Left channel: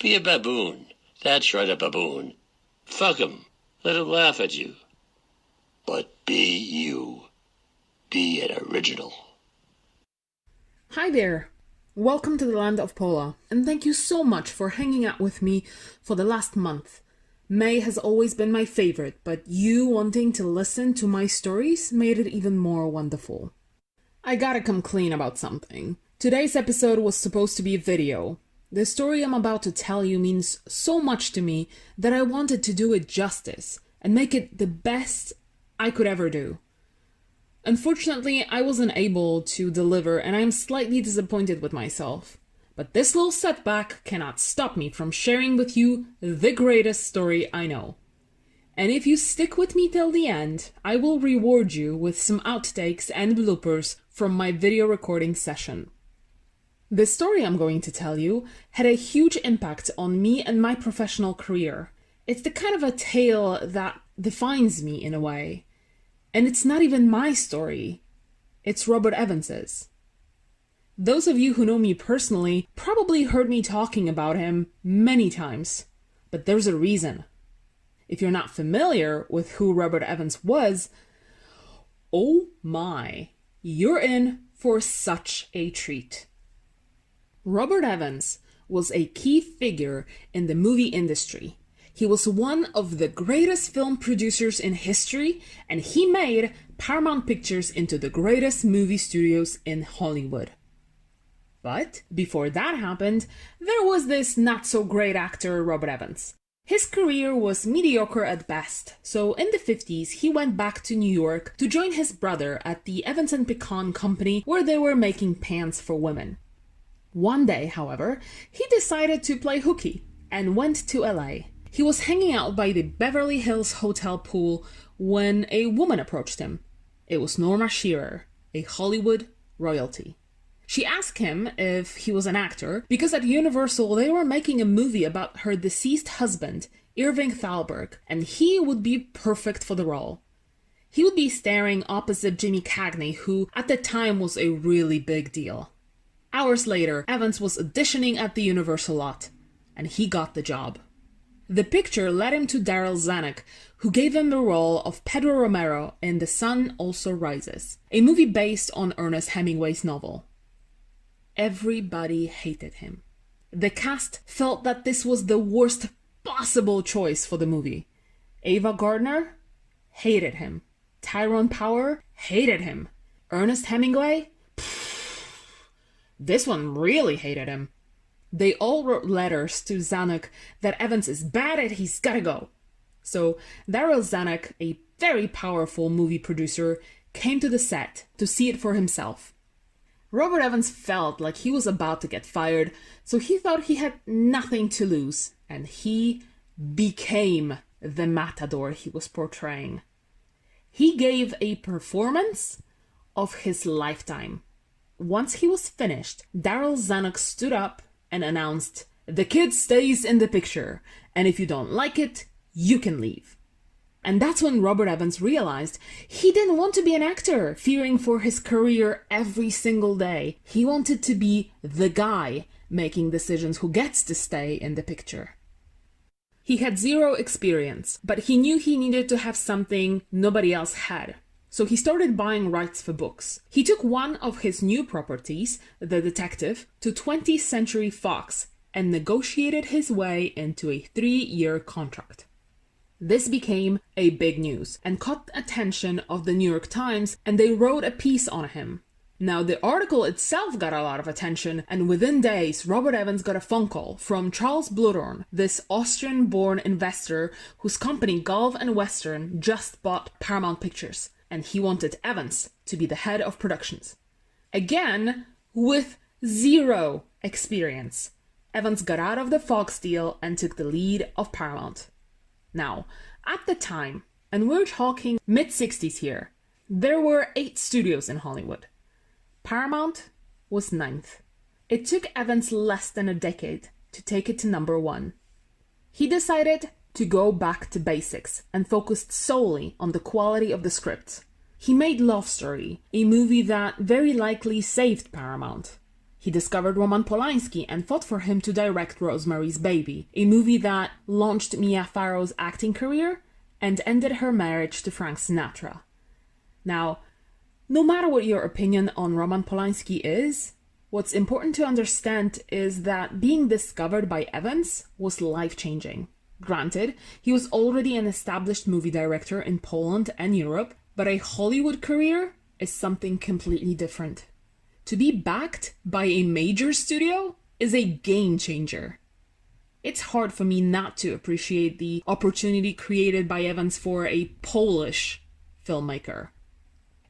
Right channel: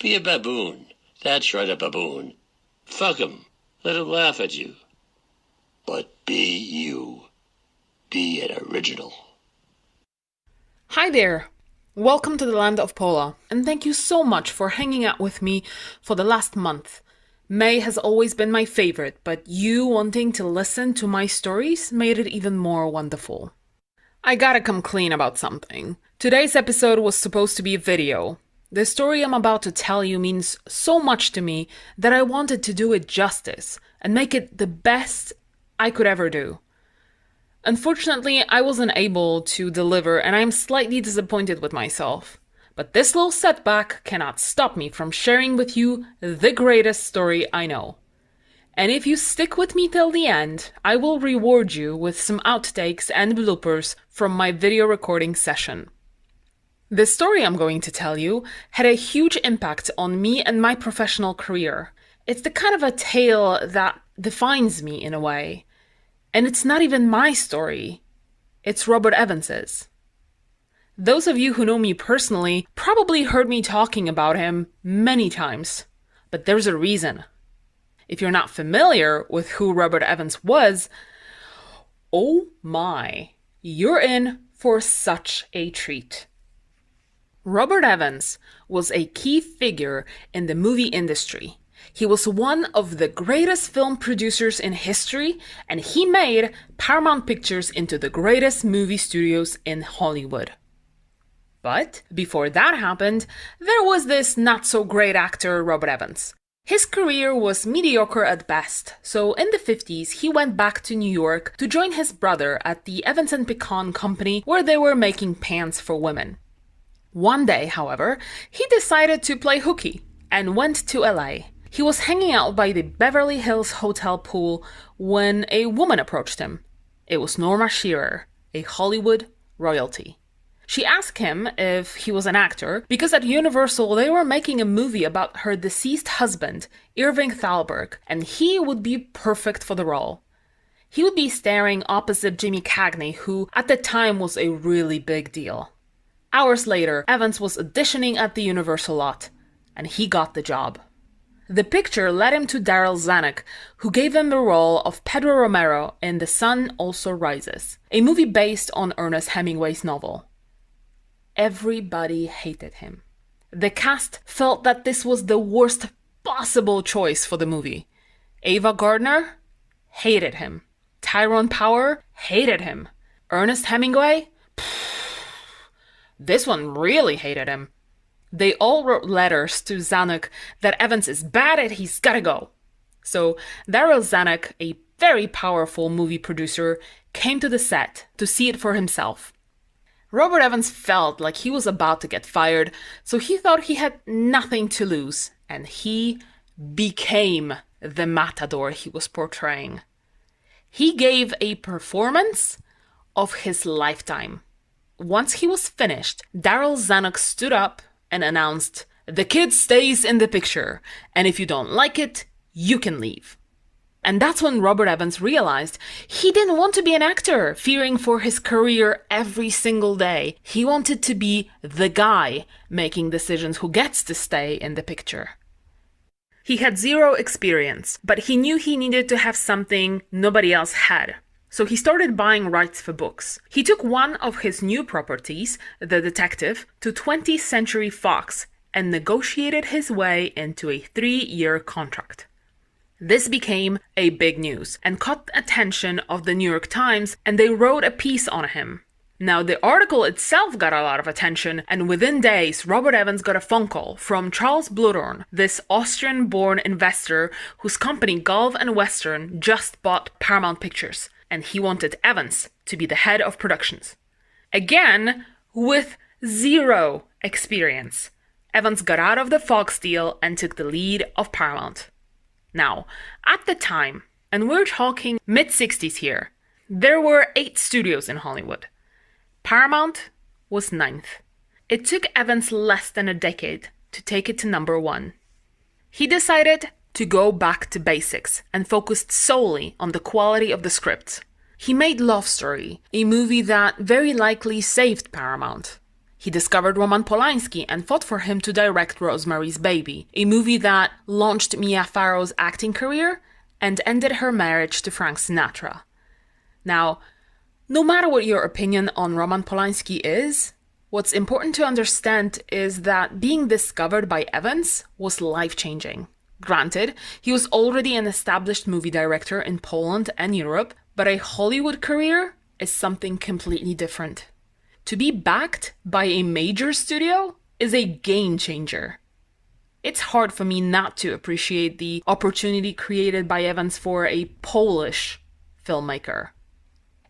Be a baboon. That's right, a baboon. Fuck 'em. Let 'em laugh at you. But be you. Be an original. Hi there. Welcome to the land of Pola, and thank you so much for hanging out with me for the last month. May has always been my favorite, but you wanting to listen to my stories made it even more wonderful. I gotta come clean about something. Today's episode was supposed to be a video. The story I'm about to tell you means so much to me that I wanted to do it justice and make it the best I could ever do. Unfortunately, I wasn't able to deliver, and I'm slightly disappointed with myself. But this little setback cannot stop me from sharing with you the greatest story I know. And if you stick with me till the end, I will reward you with some outtakes and bloopers from my video recording session. The story I'm going to tell you had a huge impact on me and my professional career. It's the kind of a tale that defines me in a way. And it's not even my story. It's Robert Evans's. Those of you who know me personally probably heard me talking about him many times. But there's a reason. If you're not familiar with who Robert Evans was, oh my, you're in for such a treat. Robert Evans was a key figure in the movie industry. He was one of the greatest film producers in history, and he made Paramount Pictures into the greatest movie studios in Hollywood. But before that happened, there was this not-so-great actor, Robert Evans. His career was mediocre at best, so in the 50s he went back to New York to join his brother at the Evans & Pecan company where they were making pants for women. One day, however, he decided to play hooky and went to LA. He was hanging out by the Beverly Hills Hotel pool when a woman approached him. It was Norma Shearer, a Hollywood royalty. She asked him if he was an actor because at Universal they were making a movie about her deceased husband, Irving Thalberg, and he would be perfect for the role. He would be starring opposite Jimmy Cagney, who at the time was a really big deal. Hours later, Evans was auditioning at the Universal lot, and he got the job. The picture led him to Daryl Zanuck, who gave him the role of Pedro Romero in The Sun Also Rises, a movie based on Ernest Hemingway's novel. Everybody hated him. The cast felt that this was the worst possible choice for the movie. Ava Gardner hated him. Tyrone Power hated him. Ernest Hemingway? This one really hated him. They all wrote letters to Zanuck that Evans is bad and he's gotta go. So Daryl Zanuck, a very powerful movie producer, came to the set to see it for himself. Robert Evans felt like he was about to get fired, so he thought he had nothing to lose, and he became the matador he was portraying. He gave a performance of his lifetime. Once he was finished, Daryl Zanuck stood up and announced, "The kid stays in the picture, and if you don't like it, you can leave." And that's when Robert Evans realized he didn't want to be an actor, fearing for his career every single day. He wanted to be the guy making decisions who gets to stay in the picture. He had zero experience, but he knew he needed to have something nobody else had. So he started buying rights for books. He took one of his new properties, The Detective, to 20th Century Fox and negotiated his way into a 3-year contract. This became a big news and caught the attention of the New York Times, and they wrote a piece on him. Now, the article itself got a lot of attention, and within days, Robert Evans got a phone call from Charles Bluhdorn, this Austrian-born investor whose company Gulf and Western just bought Paramount Pictures, and he wanted Evans to be the head of productions. Again, with zero experience, Evans got out of the Fox deal and took the lead of Paramount. Now, at the time, and we're talking mid-60s here, there were 8 studios in Hollywood. Paramount was 9th. It took Evans less than a decade to take it to number 1. He decided to go back to basics and focused solely on the quality of the script. He made Love Story, a movie that very likely saved Paramount. He discovered Roman Polanski and fought for him to direct Rosemary's Baby, a movie that launched Mia Farrow's acting career and ended her marriage to Frank Sinatra. Now, no matter what your opinion on Roman Polanski is, what's important to understand is that being discovered by Evans was life-changing. Granted, he was already an established movie director in Poland and Europe, but a Hollywood career is something completely different. To be backed by a major studio is a game changer. It's hard for me not to appreciate the opportunity created by Evans for a Polish filmmaker.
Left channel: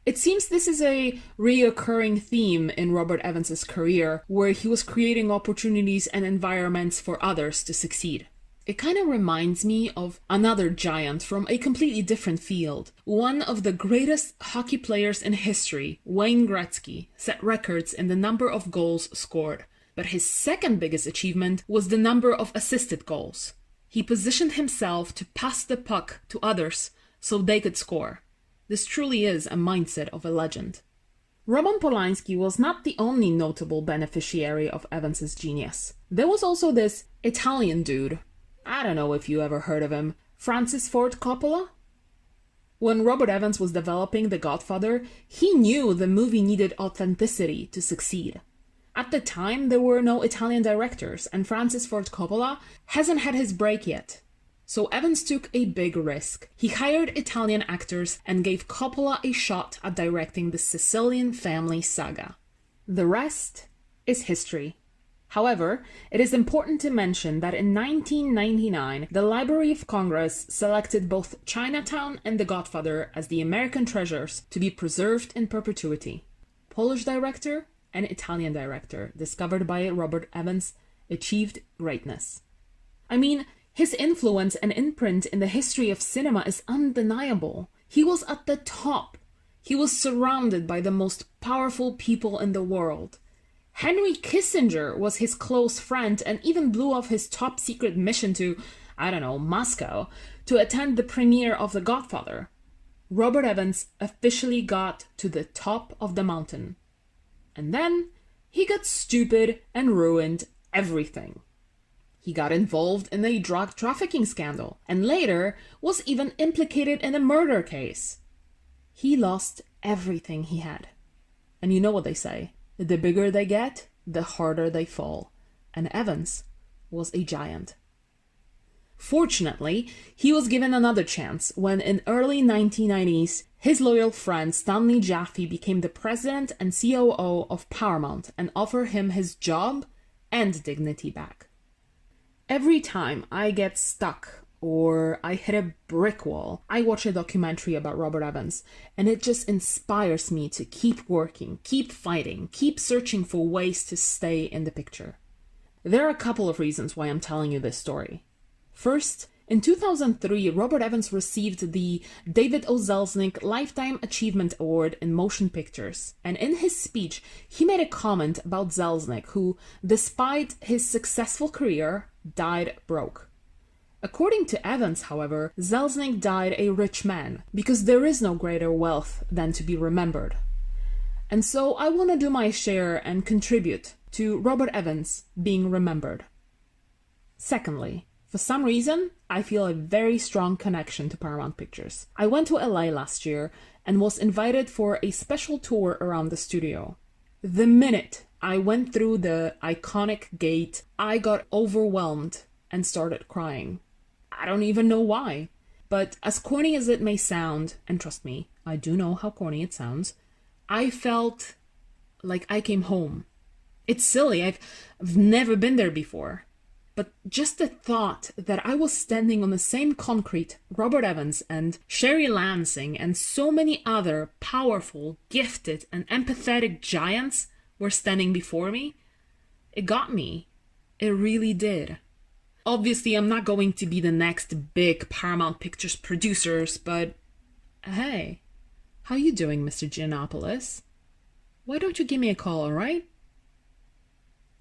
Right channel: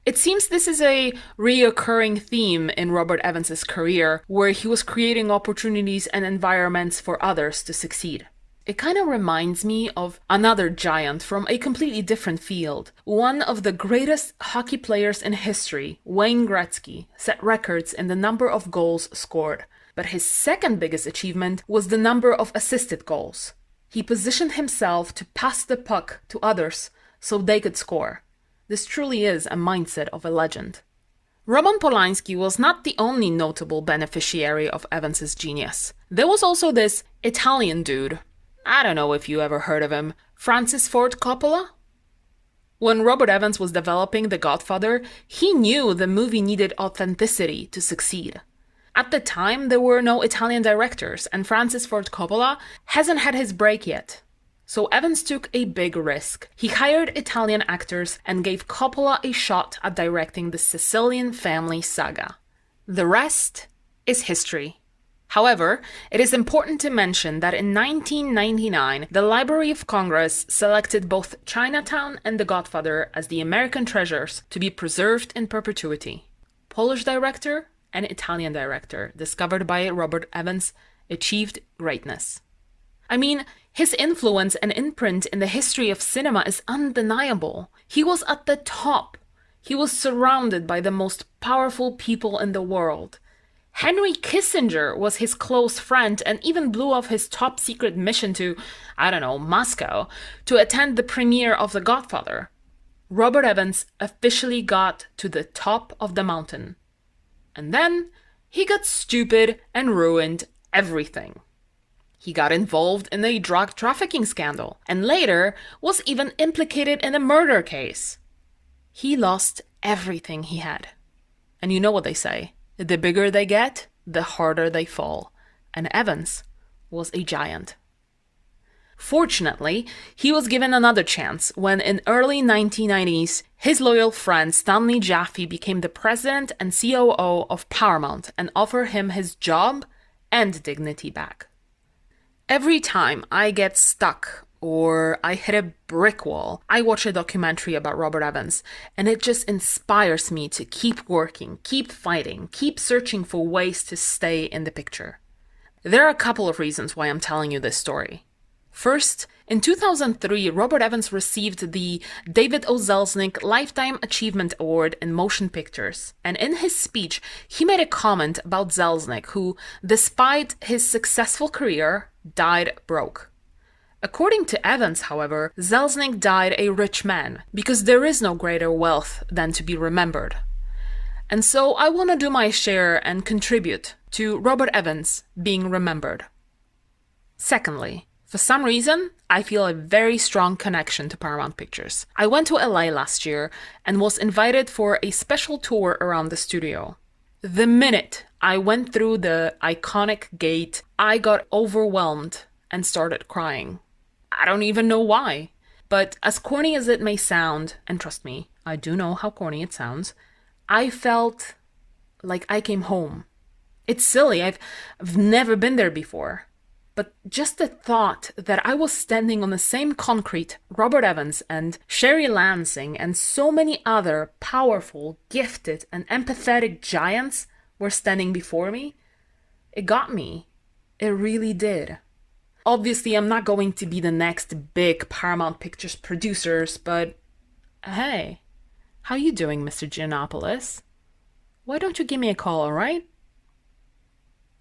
It seems this is a reoccurring theme in Robert Evans's career, where he was creating opportunities and environments for others to succeed. It kind of reminds me of another giant from a completely different field. One of the greatest hockey players in history, Wayne Gretzky, set records in the number of goals scored. But his second biggest achievement was the number of assisted goals. He positioned himself to pass the puck to others so they could score. This truly is a mindset of a legend. Roman Polanski was not the only notable beneficiary of Evans's genius. There was also this Italian dude. I don't know if you ever heard of him. Francis Ford Coppola? When Robert Evans was developing The Godfather, he knew the movie needed authenticity to succeed. At the time, there were no Italian directors, and Francis Ford Coppola hasn't had his break yet. So Evans took a big risk. He hired Italian actors and gave Coppola a shot at directing the Sicilian family saga. The rest is history. However, it is important to mention that in 1999, the Library of Congress selected both Chinatown and The Godfather as the American treasures to be preserved in perpetuity. Polish director and Italian director, discovered by Robert Evans, achieved greatness. I mean, his influence and imprint in the history of cinema is undeniable. He was at the top. He was surrounded by the most powerful people in the world. Henry Kissinger was his close friend and even blew off his top secret mission to, Moscow, to attend the premiere of The Godfather. Robert Evans officially got to the top of the mountain. And then he got stupid and ruined everything. He got involved in a drug trafficking scandal and later was even implicated in a murder case. He lost everything he had. And you know what they say, the bigger they get, the harder they fall. And Evans was a giant. Fortunately, he was given another chance when in early 1990s, his loyal friend Stanley Jaffe became the president and COO of Paramount and offered him his job and dignity back. Every time I get stuck or I hit a brick wall, I watch a documentary about Robert Evans, and it just inspires me to keep working, keep fighting, keep searching for ways to stay in the picture. There are a couple of reasons why I'm telling you this story. First, in 2003, Robert Evans received the David O. Selznick Lifetime Achievement Award in Motion Pictures, and in his speech, he made a comment about Selznick, who, despite his successful career, died broke. According to Evans, however, Selznick died a rich man, because there is no greater wealth than to be remembered. And so I want to do my share and contribute to Robert Evans being remembered. Secondly, for some reason, I feel a very strong connection to Paramount Pictures. I went to LA last year and was invited for a special tour around the studio. The minute I went through the iconic gate, I got overwhelmed and started crying. I don't even know why. But as corny as it may sound, and trust me, I do know how corny it sounds, I felt like I came home. It's silly, I've never been there before. But just the thought that I was standing on the same concrete Robert Evans and Sherry Lansing and so many other powerful, gifted, and empathetic giants were standing before me, it got me. It really did. Obviously, I'm not going to be the next big Paramount Pictures producers, but hey, how you doing, Mr. Giannopoulos? Why don't you give me a call, alright?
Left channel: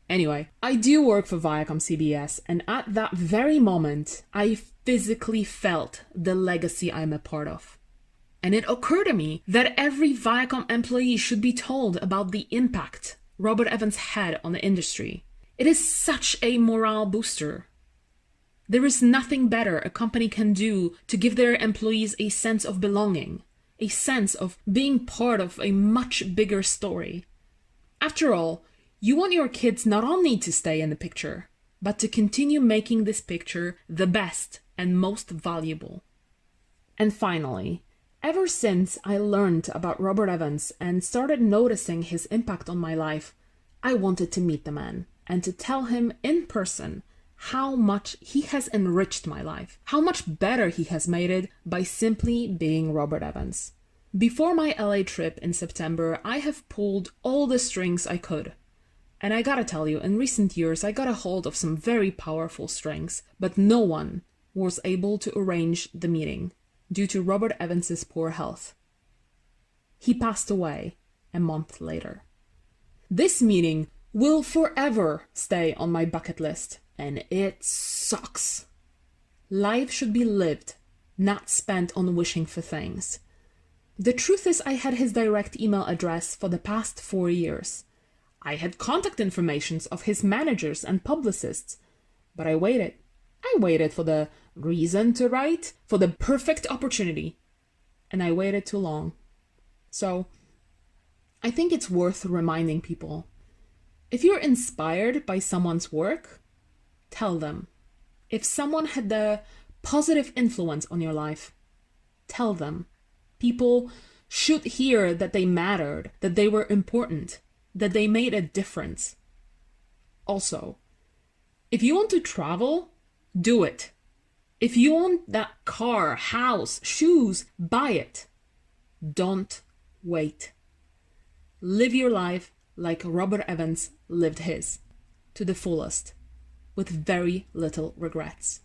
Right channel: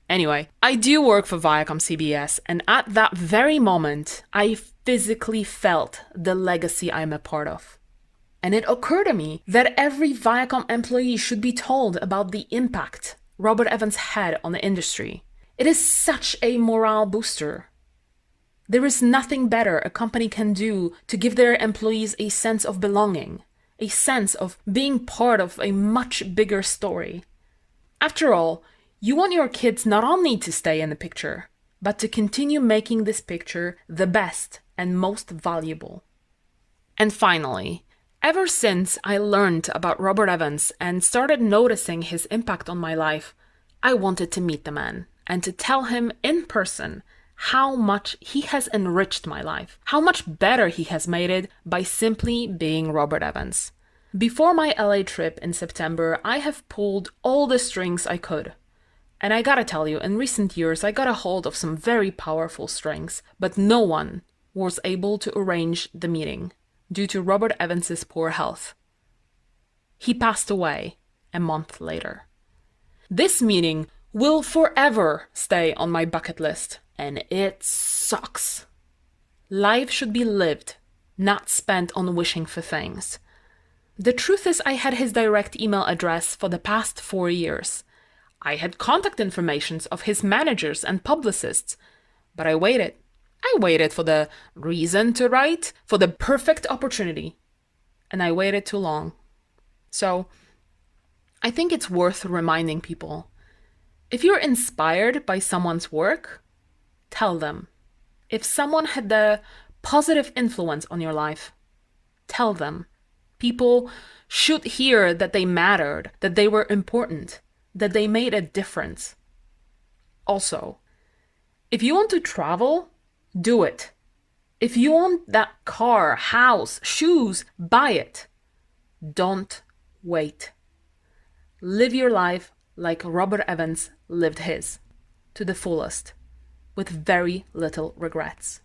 Anyway, I do work for Viacom CBS, and at that very moment, I physically felt the legacy I'm a part of. And it occurred to me that every Viacom employee should be told about the impact Robert Evans had on the industry. It is such a morale booster. There is nothing better a company can do to give their employees a sense of belonging, a sense of being part of a much bigger story. After all, you want your kids not only to stay in the picture, but to continue making this picture the best and most valuable. And finally, ever since I learned about Robert Evans and started noticing his impact on my life, I wanted to meet the man and to tell him in person how much he has enriched my life, how much better he has made it by simply being Robert Evans. Before my LA trip in September, I have pulled all the strings I could. And I gotta tell you, in recent years, I got a hold of some very powerful strings, but no one was able to arrange the meeting due to Robert Evans's poor health. He passed away a month later. This meeting will forever stay on my bucket list, and it sucks. Life should be lived, not spent on wishing for things. The truth is, I had his direct email address for the past 4 years. I had contact information of his managers and publicists, but I waited. I waited for the reason to write, for the perfect opportunity, and I waited too long. So, I think it's worth reminding people, if you're inspired by someone's work, tell them. If someone had a positive influence on your life, tell them. People should hear that they mattered, that they were important, that they made a difference. Also, if you want to travel, do it. If you want that car, house, shoes, buy it. Don't wait. Live your life like Robert Evans lived his, to the fullest, with very little regrets.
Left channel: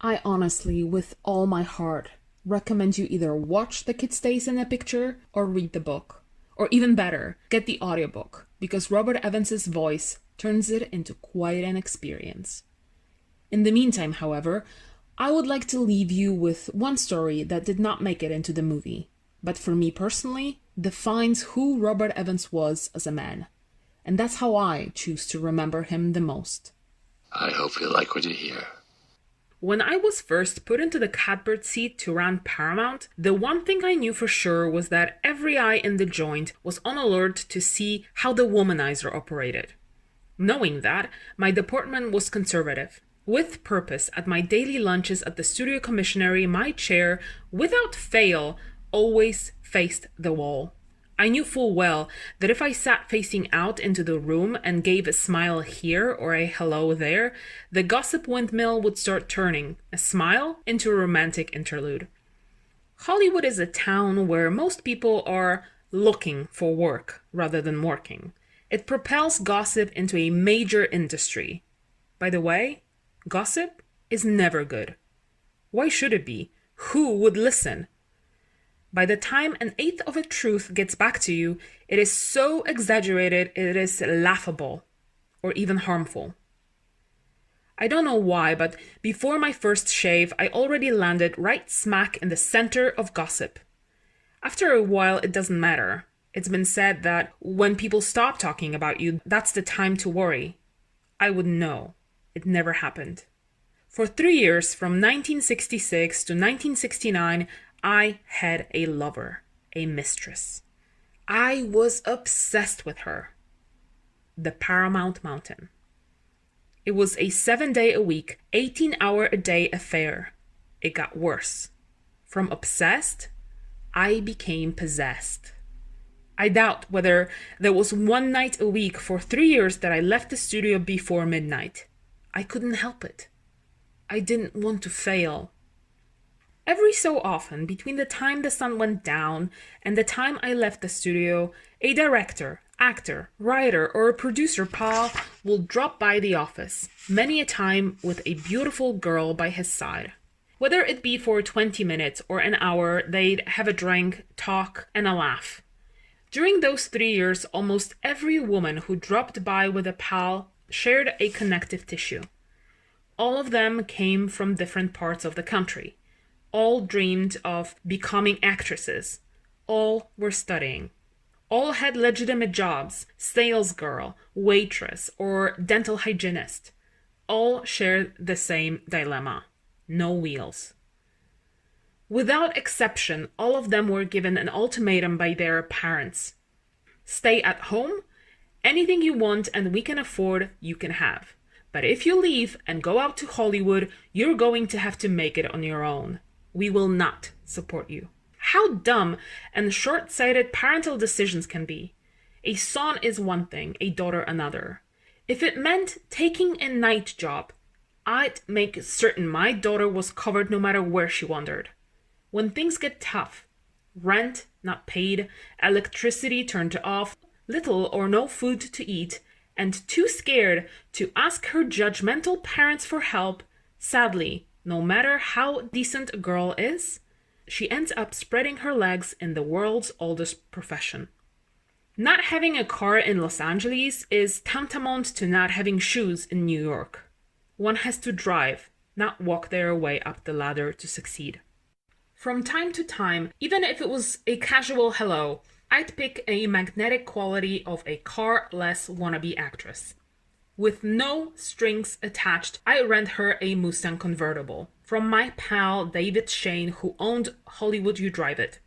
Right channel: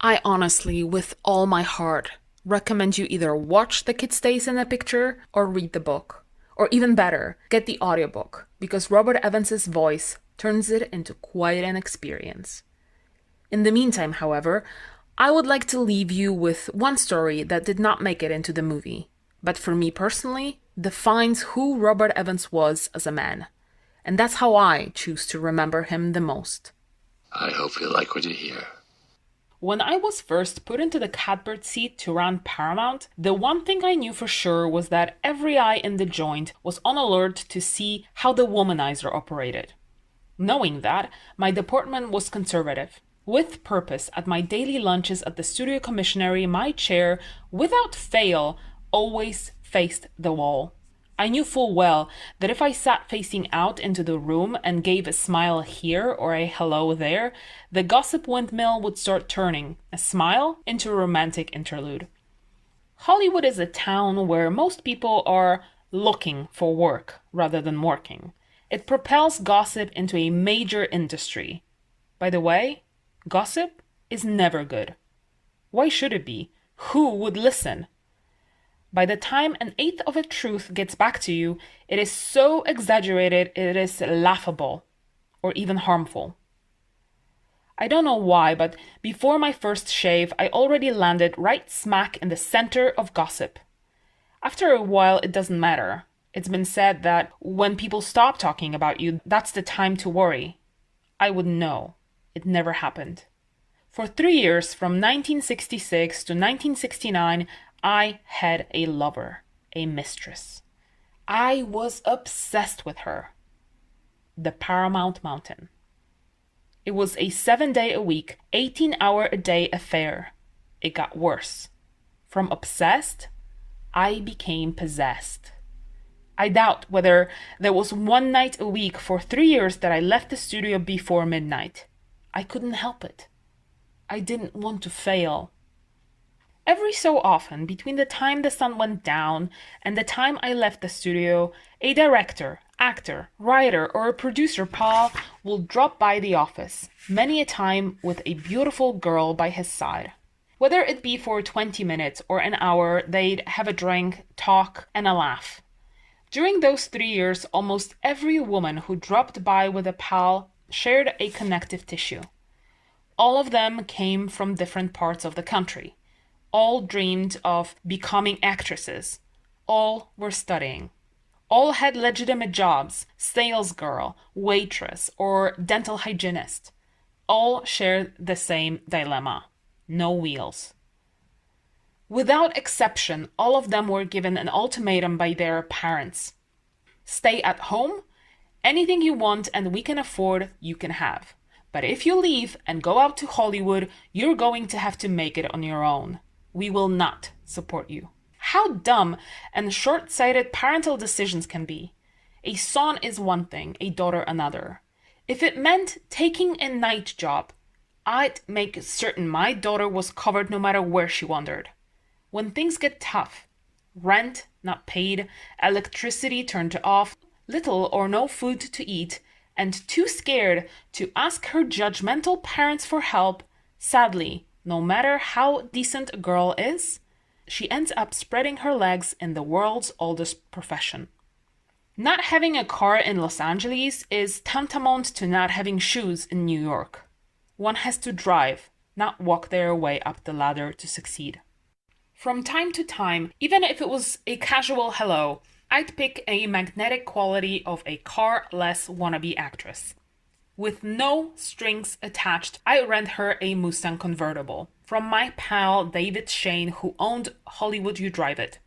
I honestly, with all my heart, recommend you either watch The Kid Stays in the Picture or read the book. Or even better, get the audiobook, because Robert Evans's voice turns it into quite an experience. In the meantime, however, I would like to leave you with one story that did not make it into the movie, but for me personally, defines who Robert Evans was as a man. And that's how I choose to remember him the most. I hope you like what you hear. When I was first put into the catbird seat to run Paramount, the one thing I knew for sure was that every eye in the joint was on alert to see how the womanizer operated. Knowing that, my department was conservative. With purpose, at my daily lunches at the studio commissionary, my chair, without fail, always faced the wall. I knew full well that if I sat facing out into the room and gave a smile here or a hello there, the gossip windmill would start turning a smile into a romantic interlude. Hollywood is a town where most people are looking for work rather than working. It propels gossip into a major industry. By the way, gossip is never good. Why should it be? Who would listen? By the time an eighth of a truth gets back to you, it is so exaggerated it is laughable or even harmful. I don't know why, but before my first shave, I already landed right smack in the center of gossip. After a while, it doesn't matter. It's been said that when people stop talking about you, that's the time to worry. I wouldn't know. It never happened. For 3 years, from 1966 to 1969, I had a lover, a mistress. I was obsessed with her. The Paramount Mountain. It was a 7-day-a-week, 18-hour-a-day affair. It got worse. From obsessed, I became possessed. I doubt whether there was one night a week for 3 years that I left the studio before midnight. I couldn't help it. I didn't want to fail. Every so often, between the time the sun went down and the time I left the studio, a director, actor, writer, or a producer pal will drop by the office, many a time with a beautiful girl by his side. Whether it be for 20 minutes or an hour, they'd have a drink, talk, and a laugh. During those 3 years, almost every woman who dropped by with a pal shared a connective tissue. All of them came from different parts of the country. All dreamed of becoming actresses. All were studying. All had legitimate jobs: sales girl, waitress, or dental hygienist. All shared the same dilemma: no wheels. Without exception, all of them were given an ultimatum by their parents: stay at home, anything you want and we can afford, you can have. But if you leave and go out to Hollywood, you're going to have to make it on your own. We will not support you. How dumb and short-sighted parental decisions can be. A son is one thing, a daughter another. If it meant taking a night job, I'd make certain my daughter was covered no matter where she wandered. When things get tough, rent not paid, electricity turned off, little or no food to eat, and too scared to ask her judgmental parents for help, sadly, no matter how decent a girl is, she ends up spreading her legs in the world's oldest profession. Not having a car in Los Angeles is tantamount to not having shoes in New York. One has to drive, not walk their way up the ladder to succeed. From time to time, even if it was a casual hello, I'd pick a magnetic quality of a car-less wannabe actress. With no strings attached, I rent her a Mustang convertible from my pal David Shane, who owned Hollywood You Drive It.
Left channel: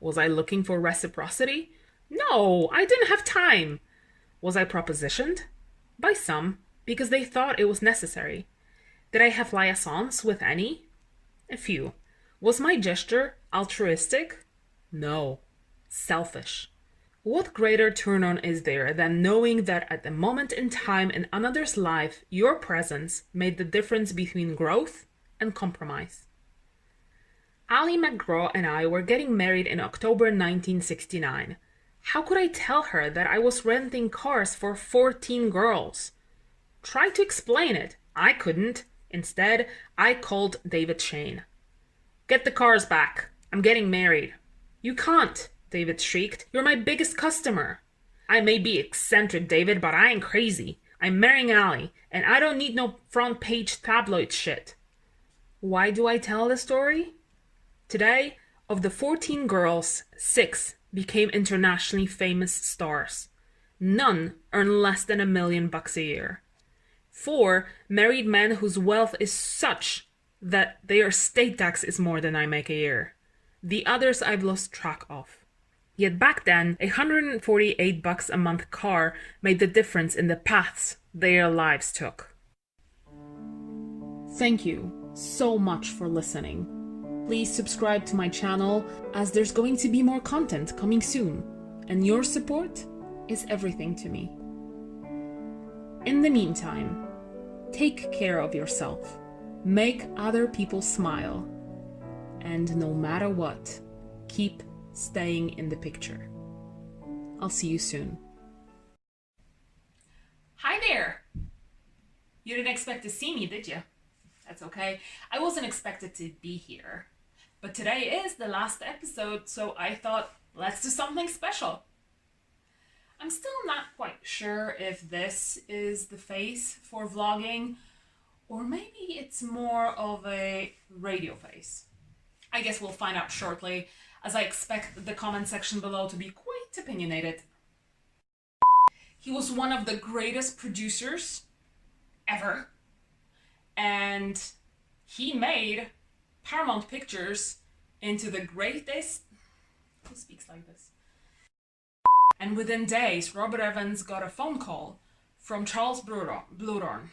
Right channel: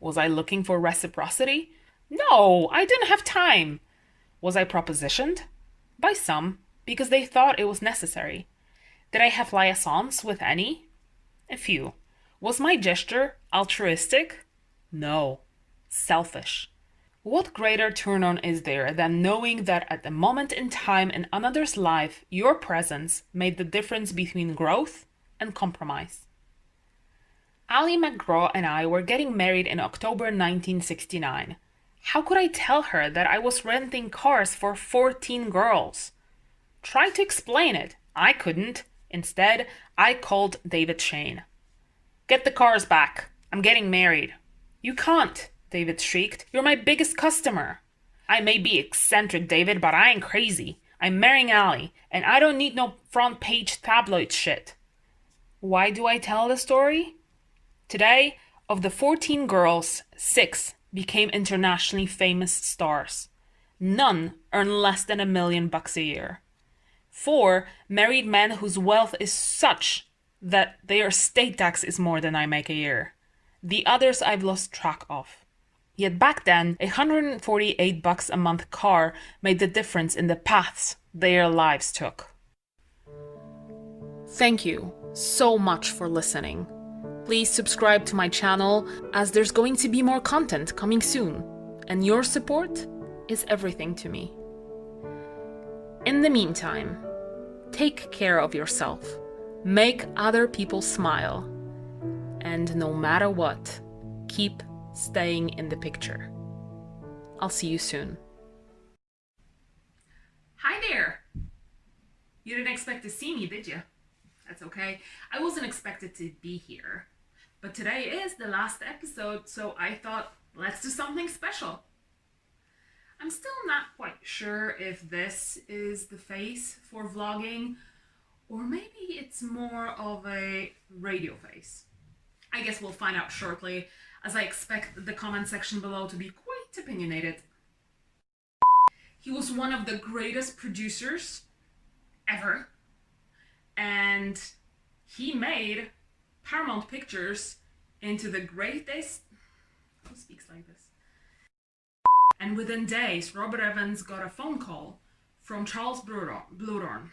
Was I looking for reciprocity? No, I didn't have time. Was I propositioned? By some, because they thought it was necessary. Did I have liaisons with any? A few. Was my gesture altruistic? No. Selfish. What greater turn-on is there than knowing that at a moment in time in another's life, your presence made the difference between growth and compromise? Ali McGraw and I were getting married in October 1969. How could I tell her that I was renting cars for 14 girls? Try to explain it. I couldn't. Instead, I called David Shane. Get the cars back. I'm getting married. You can't, David shrieked. You're my biggest customer. I may be eccentric, David, but I ain't crazy. I'm marrying Ali, and I don't need no front page tabloid shit. Why do I tell the story? Today, of the 14 girls, 6 became internationally famous stars. None earn less than $1 million a year. 4 married men whose wealth is such that their estate tax is more than I make a year. The others I've lost track of. Yet back then, $148 a month car made the difference in the paths their lives took. Thank you so much for listening. Please subscribe to my channel, as there's going to be more content coming soon, and your support is everything to me. In the meantime, take care of yourself, make other people smile, and no matter what, keep staying in the picture. I'll see you soon. Hi there! You didn't expect to see me, did you? That's okay. I wasn't expected to be here. But today is the last episode, so I thought, let's do something special. I'm still not quite sure if this is the face for vlogging, or maybe it's more of a radio face. I guess we'll find out shortly, as I expect the comment section below to be quite opinionated. He was one of the greatest producers ever, and he made Paramount Pictures into the greatest... Who speaks like this? And within days, Robert Evans got a phone call from Charles Bluhdorn.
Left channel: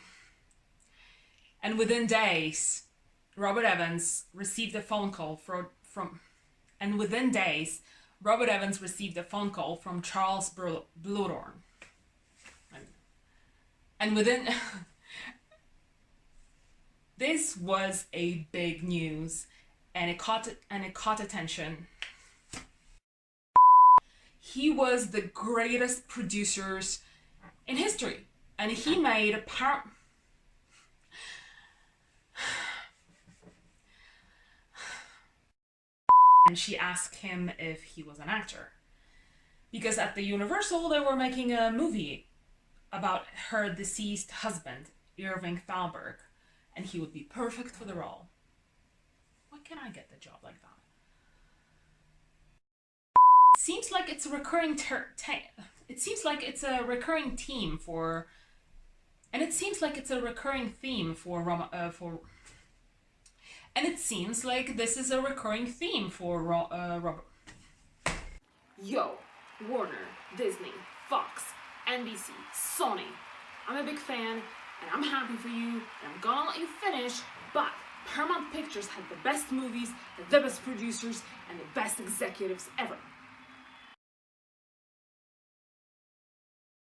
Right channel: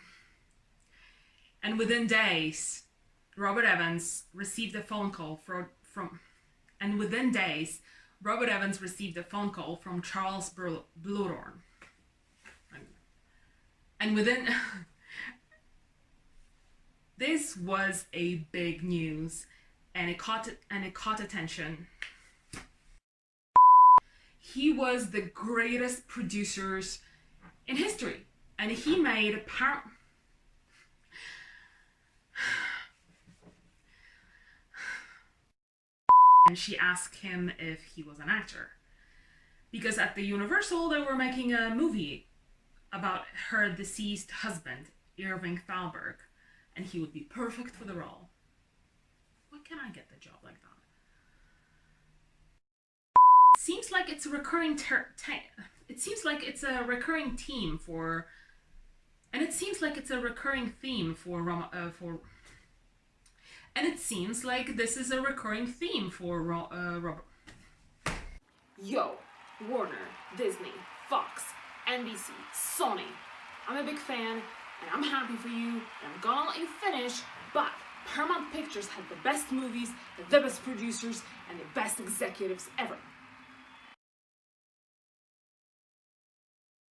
And within days, Robert Evans received a phone call from Charles Bluhdorn. And within... This was a big news, and it caught attention. He was the greatest producers in history, and he made a and she asked him if he was an actor, because at the Universal they were making a movie about her deceased husband, Irving Thalberg, and he would be perfect for the role. Why can't I get the job like that? seems like it's a recurring it seems like it's a recurring theme for, and it seems like it's a recurring theme and it seems like this is a recurring theme for Robert. Yo, Warner, Disney, Fox, NBC, Sony. I'm a big fan, and I'm happy for you, and I'm gonna let you finish, but Paramount Pictures had the best movies, the best producers, and the best executives ever.